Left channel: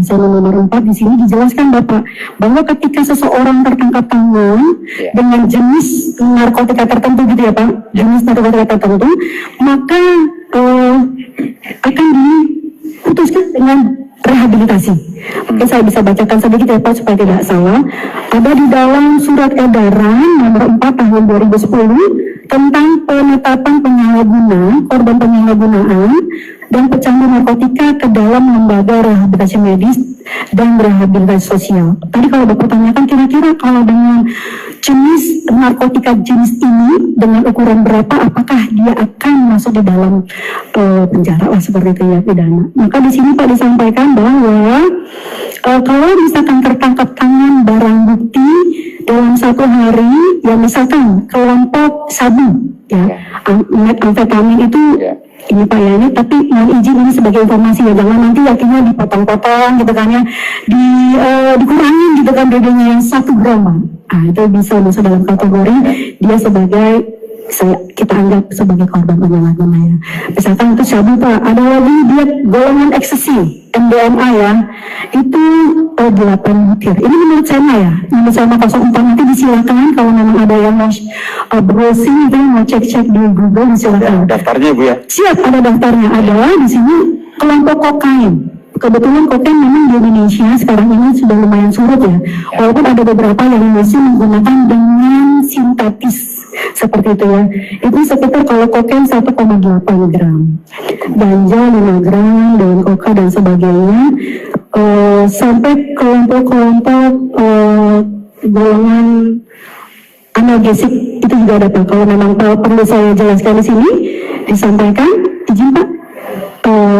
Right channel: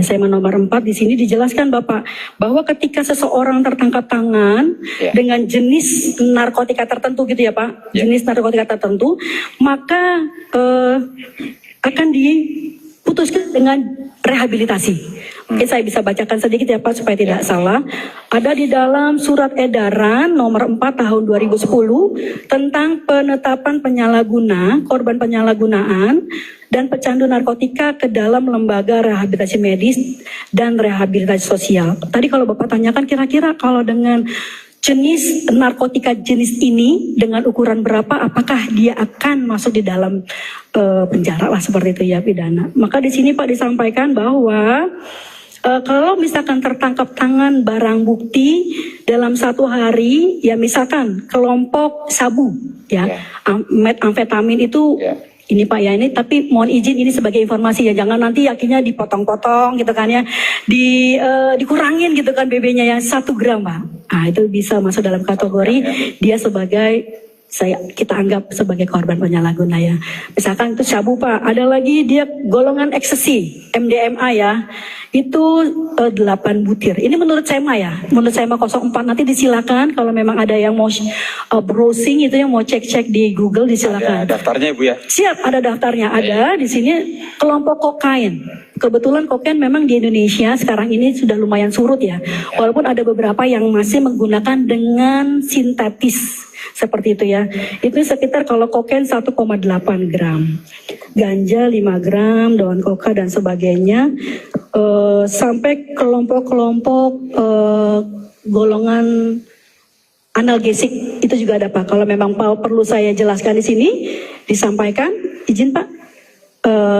Saya nomor 4 di sini dijelaskan Bapak bahwa ketika seseorang tertangkap tangan dengan jenis narkotika tertentu gitu ya Pak, jenis narkotika tertentu, maka akan diputuskan dengan rehabilitasi. Oke, saya bisa bacakan sedikit ya Pak supaya tidak salah. Ada di dalam surat edaran nomor 4 tahun 2010 tentang penetapan korban penyalahgunaan dan pecandu narkotika ke dalam lembaga rehabilitasi medis dan rehabilitasi sosial. Tadi kalau Bapak tanyakan kira-kira kalau dengan jenis narkotika jenis ini dengan ukuran berapa, apakah dia akan masuk di dalam penjara lah seperti itu ya, pidana. Maka di sini Pak disampaikan bahwa kalau misalkan tertangkap tangan barang bukti dalam 1 hari, ya misalkan kelompok sabu, ya, metamfetamin itu, ini Pak ya ini, tapi mohon izin ini sebagai informasi ya, jangan nanti akhirnya dipotong-potong gitu kan ya, dikurangin gitu kan BB-nya yang 1 gram Pak. Nah itu bisa masuk dalam kategori dia sebagai kita anggap sebagai korban penyalahguna ya. Misalkan itu sabu Pak, ada lagi dia golongan ekstasi, MDMA ya, itu 8 butir. Ini menurut saya ya, menurut saya 04 nanti disilakan kalau memang ada yang mau browsing itu yang mau cek-cek di Google disilakan. Ya, daftarnya Bu ya? Siap, ada daftarnya. Ada di sini kelompok kokain. Kebetulan kokain memang di Indonesia sekarang ini sudah lumayan surut ya. Walaupun ada beberapa yang masih menggunakan dengan sintetis seperti itu ya. Itu sekitar kalau kokain 1,8 gram, ganja 5 gram, daun koka dan sebagainya. Sampai kelompok-kelompok golongan analgesik itu juga ada Pak. Kalau memang perlu saya jelaskan di sini, disampaikan, izin Pak.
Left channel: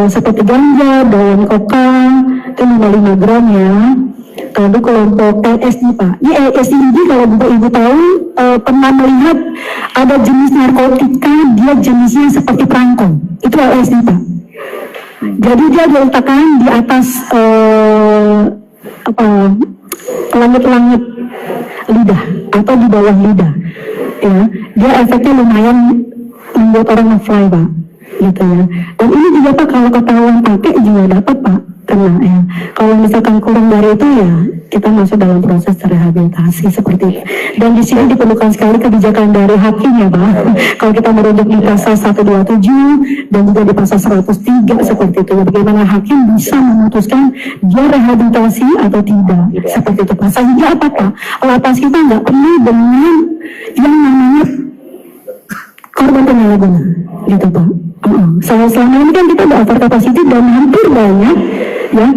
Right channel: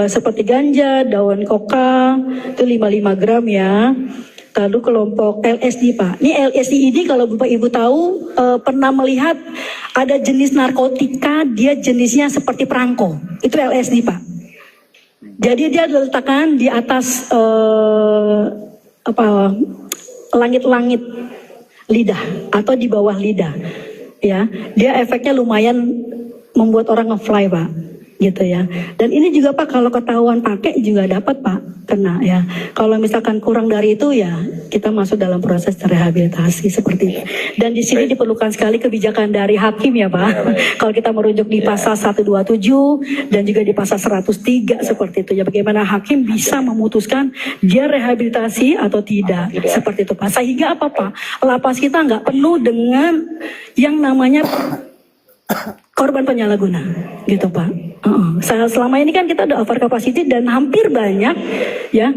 Seperti ganja, daun koka, itu 55 gram ya. Lalu kelompok LSD Pak. Ini LSD ini kalau Ibu tahu pernah melihat ada jenis narkotika, dia jenisnya seperti perangko. Itu LSD Pak. Jadi dia diletakkan di atas langit-langit lidah atau di bawah lidah. Ya, dia efeknya lumayan membuat orang nge-fly Pak, gitu ya. Dan ini juga Pak kalau ketahuan pakai juga dapat Pak kena ya. Kalau misalkan kurang dari itu ya kita masuk dalam proses rehabilitasi seperti itu. Dan di sini diperlukan sekali kebijakan dari hakim ya Pak. Kalau kita merujuk di pasal 127 dan juga di pasal 103 seperti itu ya, bagaimana hakim bisa memutuskan dia rehabilitasi atau tidak seperti itu Pak. Sehingga apa Pak? Lapas kita nggak penuh dengan yang namanya korban penyalahguna gitu Pak. Selama ini kan kita udah over capacity dan hampir banyak ya